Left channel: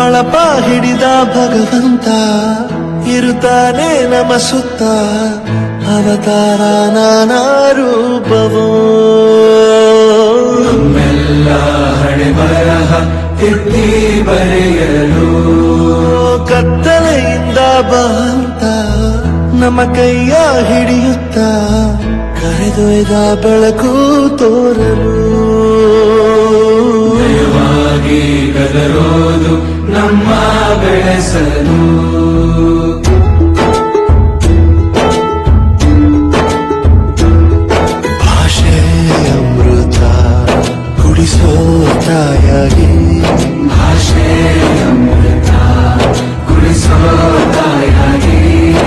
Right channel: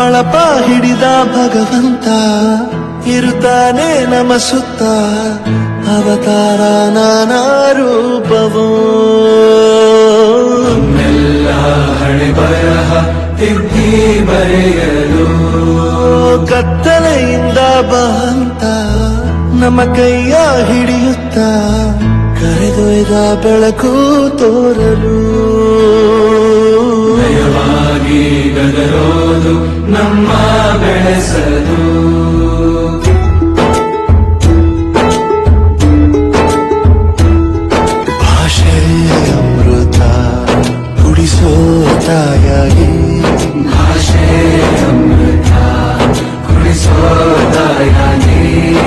ಬಳಪ ಹಿಡಿದ ಭಗವಂತ ಇರುತ್ತಾನೆ ನಮ ಸುತ್ತ ಅವತಾರ ನಾನಾ ರೂಪವೋ ಕತ್ತಲೆಯಿಂದ ಬಹಂತ ನಮ್ಮ ಕೈಯ ಹಿಡಿಯುತ್ತ ಕರೆದೊಯ್ದ ಬೆಳಕು ತೋರಲು ಗದರೋದು ನಮ್ಮ ಬೆಳೆಸಲು ಭಾಷೆ ಅಮೃತ ಕುಡಿಸೋ ತಾಯಾಗಿ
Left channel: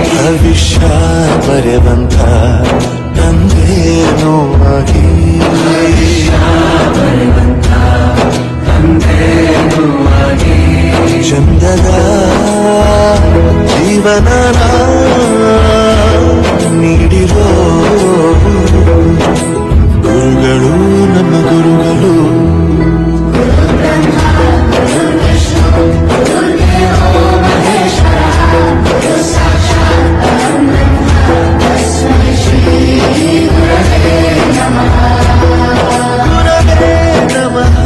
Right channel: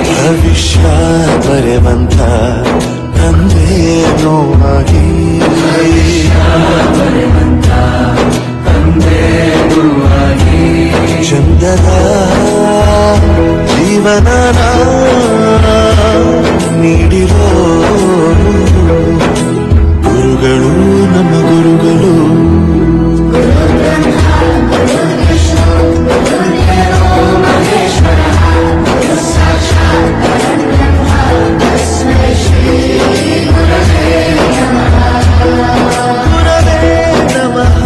ಭವಿಷ್ಯ ಬರೆವಂತ ತಂದೇನೋ ಆಗಿ ಚಂದದ ಜೀವನ ನೀಡಿರೋ ಗುರುಗಳು ನಮ್ಮ ಗುರುಗಳು ಗುರವೇ ನಮಃ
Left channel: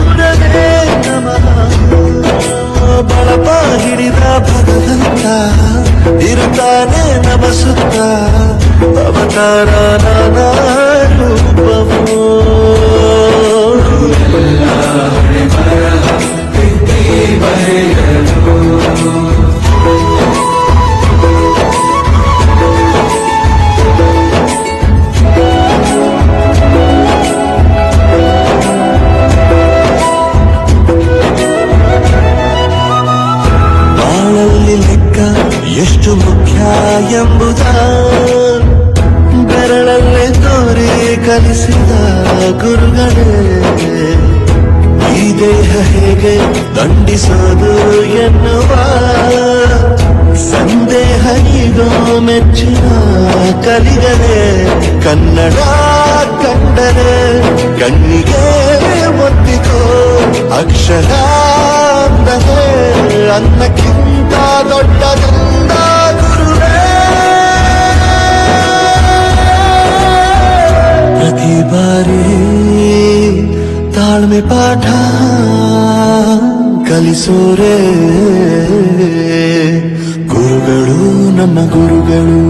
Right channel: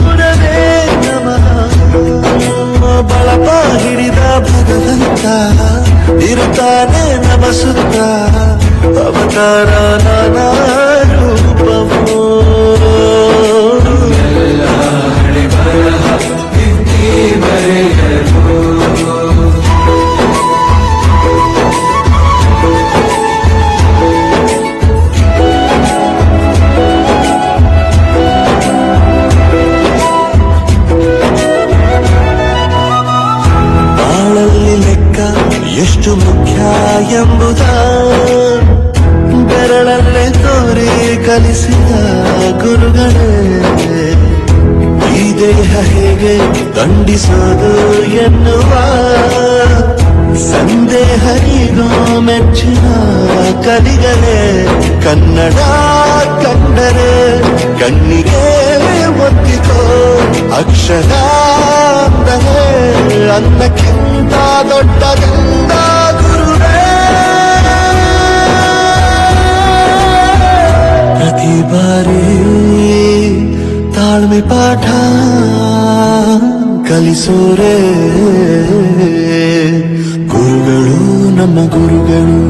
ಗುರವೇ ನಮಃ ಬಳಪ ಹಿಡಿದ ಭಗವಂತ ಇರುತ್ತಾನೆ ನಮ ಸುತ್ತ ಅವತಾರ ನಾನಾ ರೂಪವೋ ಬಾಳಲ್ಲಿ ಲೆಕ್ಕ ಎಷ್ಟು ಮುಖ್ಯ ಎಂಬುದ ಬೆರಳಲ್ಲೇ ತೋರಿ ಕಲಿಸಿದ ಗುರುಗಳೇ ಈ ದೇಹ ಹೇಗೆ ದಂಡಿಸೋದು ಎನ್ನುವ ಸಂದೇಹ ಈಗೋ ಮೆಚ್ಚಿನ ಕಲಿಗಳೇ ಕನ್ನಡ ಕಂಡರೆ ಕಣ್ಣಿಗೆ ಒತ್ತಿಕೋ ಅಕ್ಷರ ಅಂದರೆ ಅನ್ನಕ್ಕಿಂತ ದೊಡ್ಡದೆಂದ ಗುರುವೇ ಪ್ರತಿ ಬಾರಿ ತಾಳ್ಮೆ ಪಾಠ ಕಲಿಸೋರೆ ಗುರುಗಳು ನಮ್ಮ ಗುರುಗಳು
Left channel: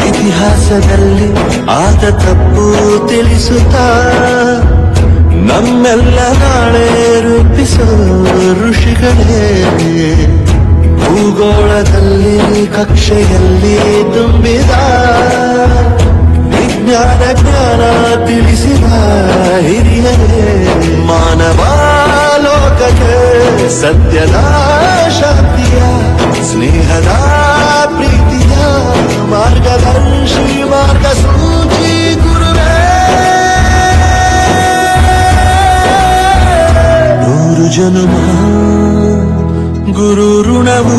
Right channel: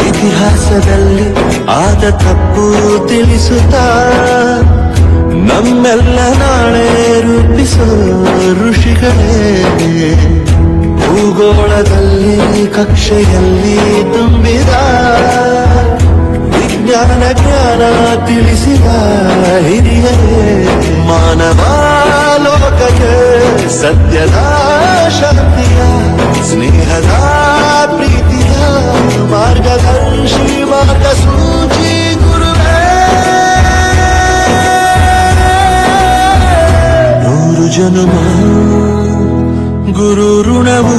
ಇತಿಹಾಸದಲ್ಲಿ ಆದ ತಪ್ಪು ತಿಳಿಸುತ್ತಾ ನಮ್ಮೆಲ್ಲ ನಾಳೆ ರೂಪಿಸೋ ಋಷಿಗಳೇ ಭೂಗೋಳದಲ್ಲಿ ಕಕ್ಷೆಯಲ್ಲಿ ತುಂಬಿದ ವಿಜ್ಞಾನ ಜ್ಞಾನ ತಿಳಿಸಿದ ಹಿರಿಯರೇ ಮಾನವ ಲೋಕಕ್ಕೆ ಸತ್ಯದ ಶಾಂತಿಯ ಸ್ನೇಹದ ಪ್ರೀತಿಯ ಮಾರ್ಗದರ್ಶಿ ಮಾರ್ಗಸೂಚಿ ಗುರುವೇ ನೂರು ಜನುಮ ಗುರು ಋಣವು